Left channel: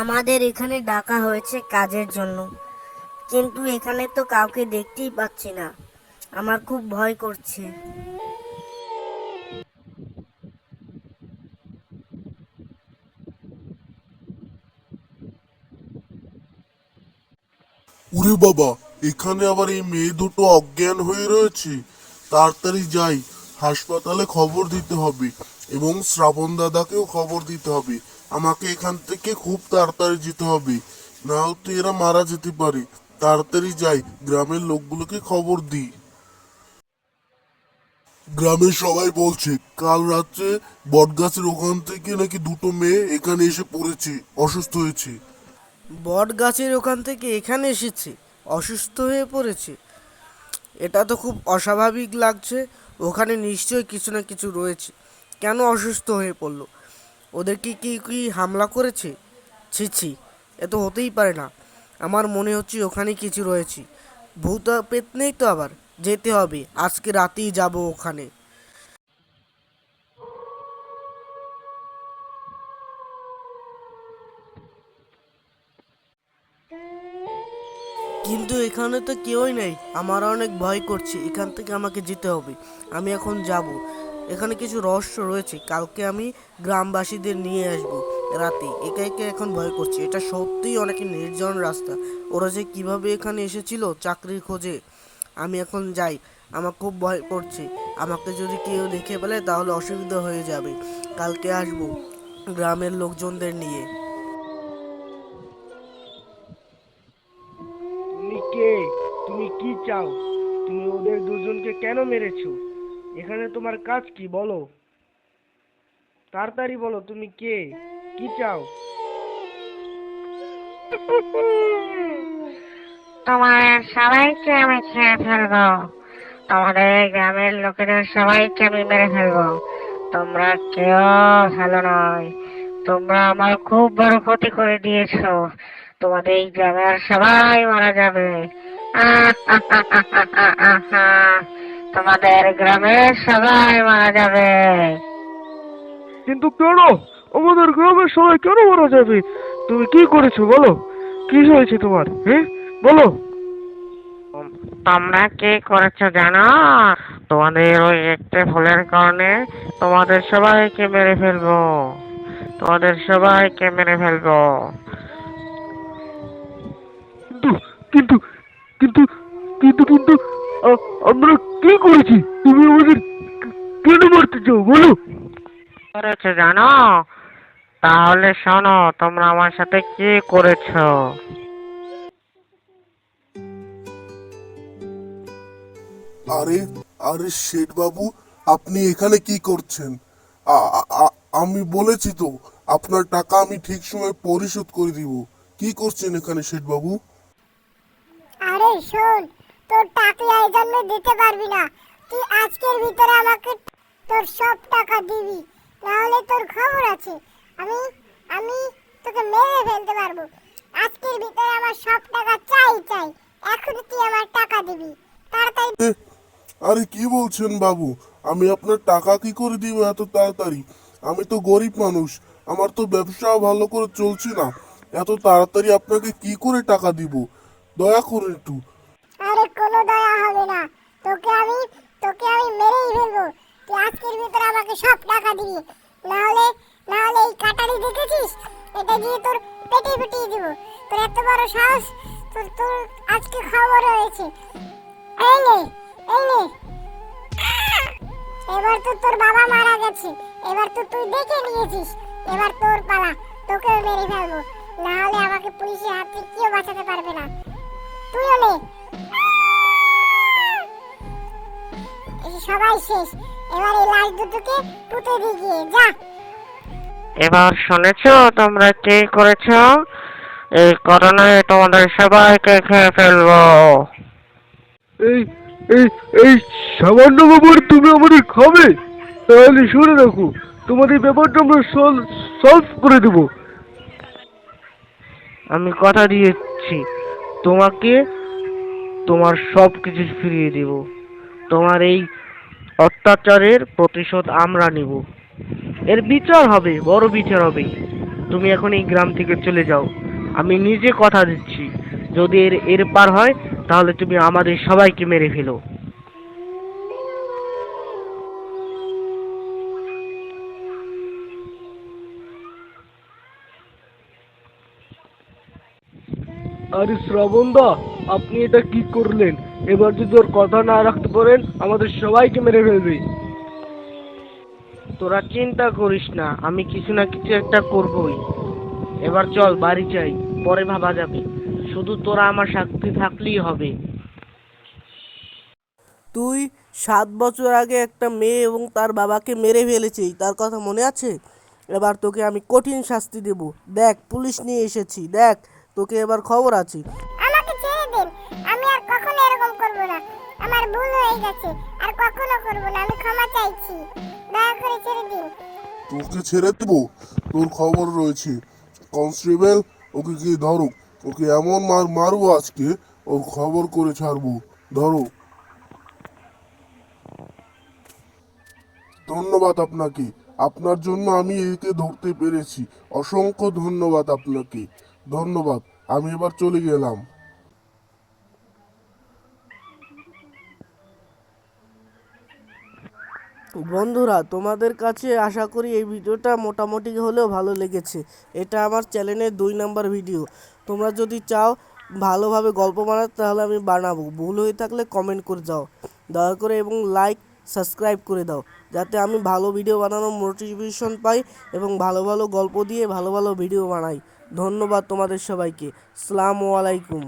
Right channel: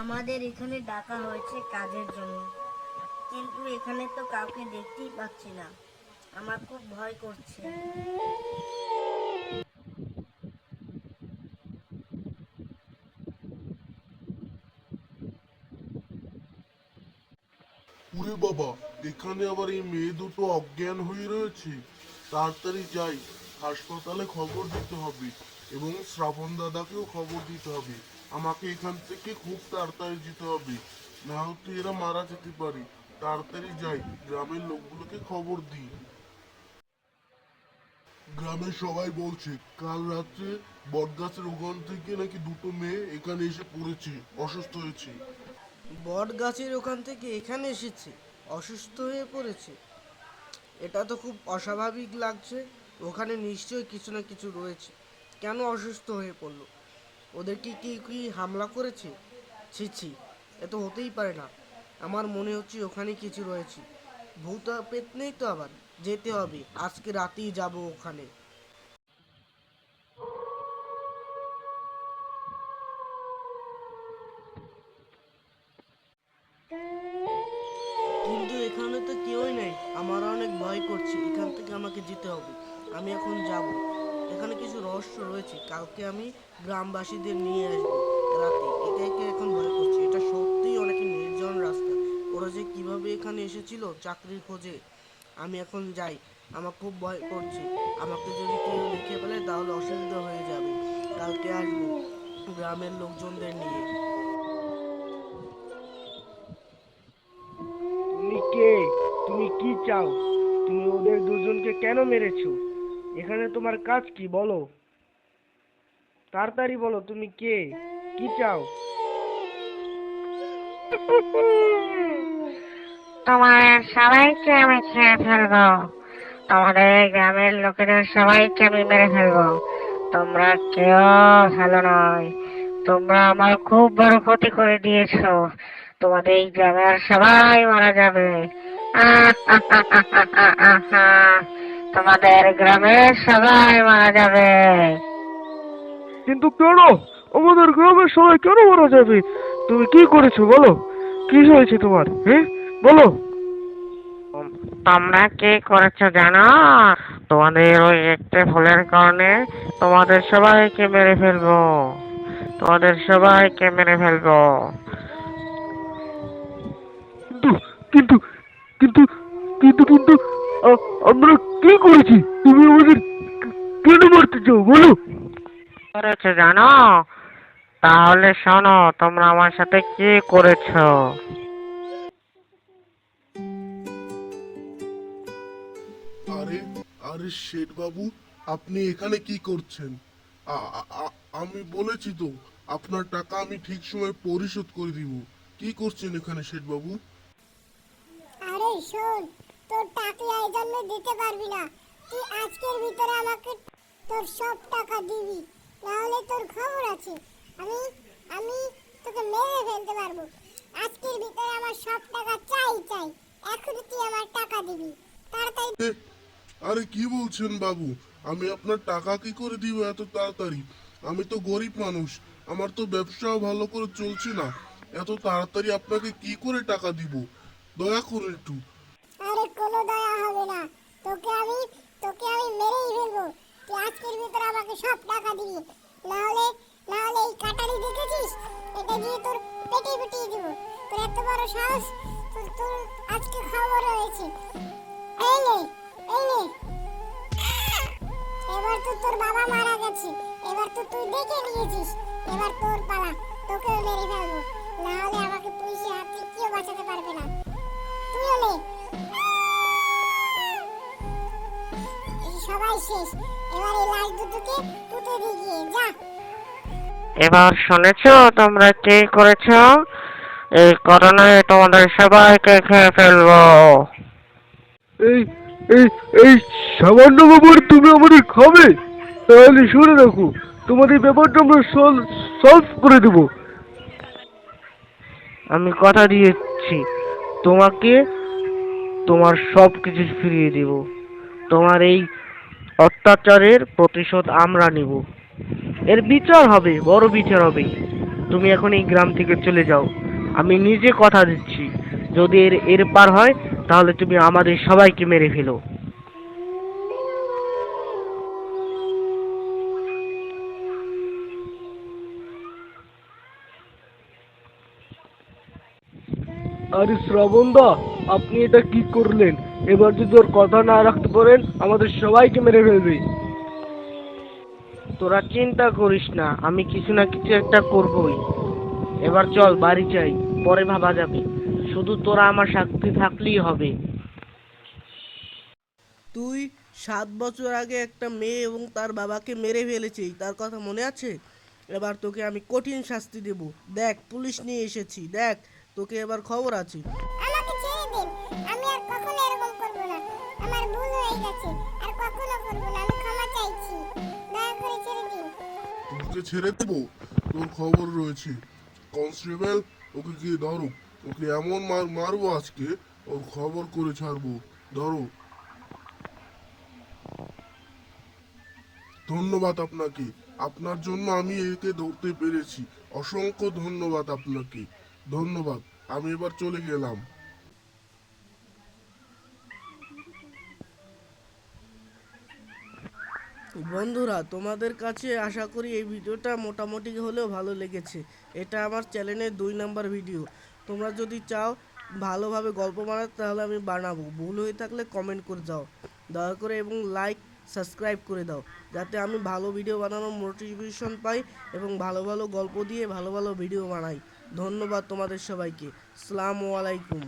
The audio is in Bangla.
আমাদের এখানে ডাকা হয়েছে কাজের জন্য, কিন্তু এখানে তো কাউকে দেখতেই পাচ্ছি না। আমার খুব ভয় করছে। ওরে বাবা, এখানে আবার এই মেয়ে দুটো অজ্ঞান হয়ে রয়েছে। তাড়াতাড়ি যাই, হাসপাতালে খবর দিতে হবে এবং শ্রাবণ দাদাকেও খবর দিতে হবে। আমাকে এখান থেকে খুব তাড়াতাড়ি যেতে হবে, না হলে এরা মারা যেতে পারে। তাড়াতাড়ি যাই, গ্রামের লোকগুলোকে খবর দিই। গ্রামের সবাই বলছে কাল রাত্রে বটগাছের ওখান থেকে নাকি দুটো মেয়ে এখানে এসে পড়েছে, অসুস্থ হয়েছে। বট গাছের ওখান থেকে এখানে এসেছে, অসুস্থ হয়ে পড়েছে। এটা তো খুব অস্বাভাবিক লাগছে। ওখানে নিশ্চয়ই কিছু না কিছু রয়েছে। কেন অসুস্থ হয়ে পড়লো? ওদেরকে কি কি হামলা করেছে? ছি ছি, এ তো হতেই পারে না। আমার মনে হচ্ছে ওখানে কিছু রয়েছে। ভূত পেত নেই তো আবার? যেতে হবে, আজকে রাতেই যাব ওখানে। কিন্তু এখানে তো কেউই নেই। আমার অনেক ভয় করছে। এখান থেকে আমাকে যেতে হবে। আমি এখন যাব। এখানে কিছু রহস্য রয়েছে। কালকে আমি গ্রামবাসীদের নিয়ে আসব রাতে। একা একা এখন ভয় করছে। এটা সত্যিই অনেক নির্জন রাস্তা। ওরা যে কিভাবে এখানে এসেছিল চাকরির খোঁজে। আমি এখন যাই। আমার খুব ভয় করছে। আমাকে যদি কেউ দেখে ফেলে তাহলে অসুবিধা হয়ে যাবে। কালকে আসবো গ্রামের লোকজনদের নিয়ে। তুমি কে? তুমি কি চাও? তুমি ওদের দুজনকে কেন মেরেছো? এখানে তোমার কাজ কি বলো? তাড়াতাড়ি বলো, তুমি কে? কি চাও? তোমার সবাইকে আমি খেয়ে ফেলবো। তোমাদের এই গ্রামের লোকেদের সবাইকে আমি মেরে ফেলবো। তোমরা কেউ ভালো নয়। তোমরা আমার খুব বড় ক্ষতি করে দিয়েছো। তোমাদের এই গ্রামের সবাই মারা যাবে। তোমাদের গ্রামের সবাই মারা যাবে। কিন্তু কেন? আমাদের গ্রামের সবাই কেন মারা যাবে? তুমি কি করেছো বলো? কি হয়েছে তোমার? হ্যাঁ, বলো। তোমরা কি করেছো জানো? তোমাদের ওই একটা ভুলের কারণে তোমাদের সবাইকে মেরে ফেলবো। তোমাদের সবাইকে মেরে ফেলবো। কিন্তু কিন্তু কিন্তু কিন্তু কিন্তু আমরা কি করেছি? তুমি আমাদের কেন মারতে চাও বলো? করেছো জানো? তাহলে শোনো, তোমরা আমার সাথে কি করেছো। আরে আরে শেঠ বাবু, আপনি এখানে কি করছেন? আ- আ- আ- আমি বলেছি তো আপনার টাকা আমি ঠিক সময় পরিশোধ করে দিব। কি করছেন এখানে শেঠ বাবু? আরে শোন, তোর টাকা এই জন্মে দিতে পারবি না। তুই আজকের ভিতরে আমাকে তোর সব টাকা দিবি, নাহলে তোর খবর আছে। আমি আমি তোকে মেরে ফেলতে পারবো। আজকের ভিতরে আমার সব টাকা চাই চাই। এখনই তুই আমার টাকা দিবি, তাড়াতাড়ি। এ, আরে কি বলছেন বাবু? আমি আপনার টাকা কি করে দিব এত তাড়াতাড়ি? আমি তো গরিব মানুষ, আমার তো ব্যবসাও ভালো করে চলছে না। এত তাড়াতাড়ি আপনাকে কি করে টাকা দিব? দয়া করে একটু। আরে কোনো দয়া হবে না। তোকে আমি তোকে আমি মেরেই ফেলবো। তুই আজকের ভিতরে আমাকে সব টাকা দিবি, নাহলে নাহলে এই কাটারি দেখেছিস, এটা দিয়ে তোর পেটে ফুটিয়ে দিব। তোর এত বড় সাহস! তোর তোর আজকে খবর হয়েছে। এই নে, এই নে। এবার তো তোর বাবা মারা গেছে, এবার তো তুই দেখে নিয়েছিস। এবার তোর পালা, তোকেও মেরে ফেলবো। নাহলে আমাকে পুলিশের হাত থেকে কেউ বাঁচাতে পারবে না। তুইও নে। এই সবাই শেষ। এবার এই লাশ দুটোকে পুঁতে দিয়ে গিয়ে যা। এবার শুনেছো তোমরা কি করেছো? এই করোনায় তোমাদের সবাইকে খেয়ে ফেলবো। এই এই এই সামান্য ব্যাপার তুমি আমাদের খাবে? তাহলে শুনে রাখো, তোমাদের ব্যাপারটা আমরা সলভ করে দেবো। আমি কথা দিয়েছি, তোমাকে তোমার সব কিছু ফিরিয়ে দেব। তোমার এই অত্যাচারের প্রতিশোধ আমরা নেব। এর বিচার হবে, বড় বিচার হবে। তুমি এখন এই গ্রাম থেকে চলে যাও। আমি নিজে কথা দিচ্ছি, যদি এর এর পার হয় তাহলে তুমি আমাদের সবাইকে মেরে ফেলো। আরে শ্রাবণদা, আপনি এটা কি করলেন? এবার যদি ওর কথা না রাখতে পারেন আমাদের সবাইকে মেরে ফেলবে। তোরা চিন্তা করিস না, আমি কিছু না কিছু একটা করবই। এবার চল বাড়ি যাই, পরে ভাবা যাবে। শুধু তোরা আমার সাথে থাকলেই হবে। তুই 7 বছর আগে একটা মেয়ে এবং তার বাবাকে মেরে ফেলেছিস, তার কথা মনে আছে? এবার তোকে আমি কঠিন শাস্তি দেব। দেখ, পুলিশ নিয়ে এসেছি, দেখ তোকে এবার খবর আছে। আমাকে ছেড়ে দিন, আমি আর কখনো এরকম করব না। আমার ভুল হয়ে গেছে, আর কখনো করব না। আমি ক্ষমা চাইছি, দয়া করে ছেড়ে দিন। তোকে ছেড়ে দেবো? তোর খবর রয়েছে। কনস্টেবল, ওকে কি ধরো। ওকে এমন মারবো আজকে, ওর খবর করে ছাড়বো। ধরো। ধন্যবাদ আপনাকে। আপনার জন্য আমি একে ধরতে পেরেছি। অসংখ্য ধন্যবাদ আপনাকে। ধন্যবাদ। আমি এবার চলে গেলাম। বন্ধুরা, তোমাদের কাছে আশা করি এই ভিডিওটা মোটামুটি হলেও ভালো লেগেছে। এটা আমার চ্যানেলের 2 নম্বর ভিডিও। তোমরা যদি চাও ভালোভাবে গল্প বানাতে তাহলে আমি বানাবো। ভুল হয়ে থাকলে কমেন্ট করে দাও দয়া করে, এবং লাইক সাবস্ক্রাইব করে দাও, যাতে আমি ভালো ভিডিও বানানোর মোটিভেশন পাই এবং ভালো ভালো গল্প দিয়ে ভালো ভালো ভিডিও বানাই। ধন্যবাদ তোমাদের সবাইকে। আসসালামু আলাইকুম।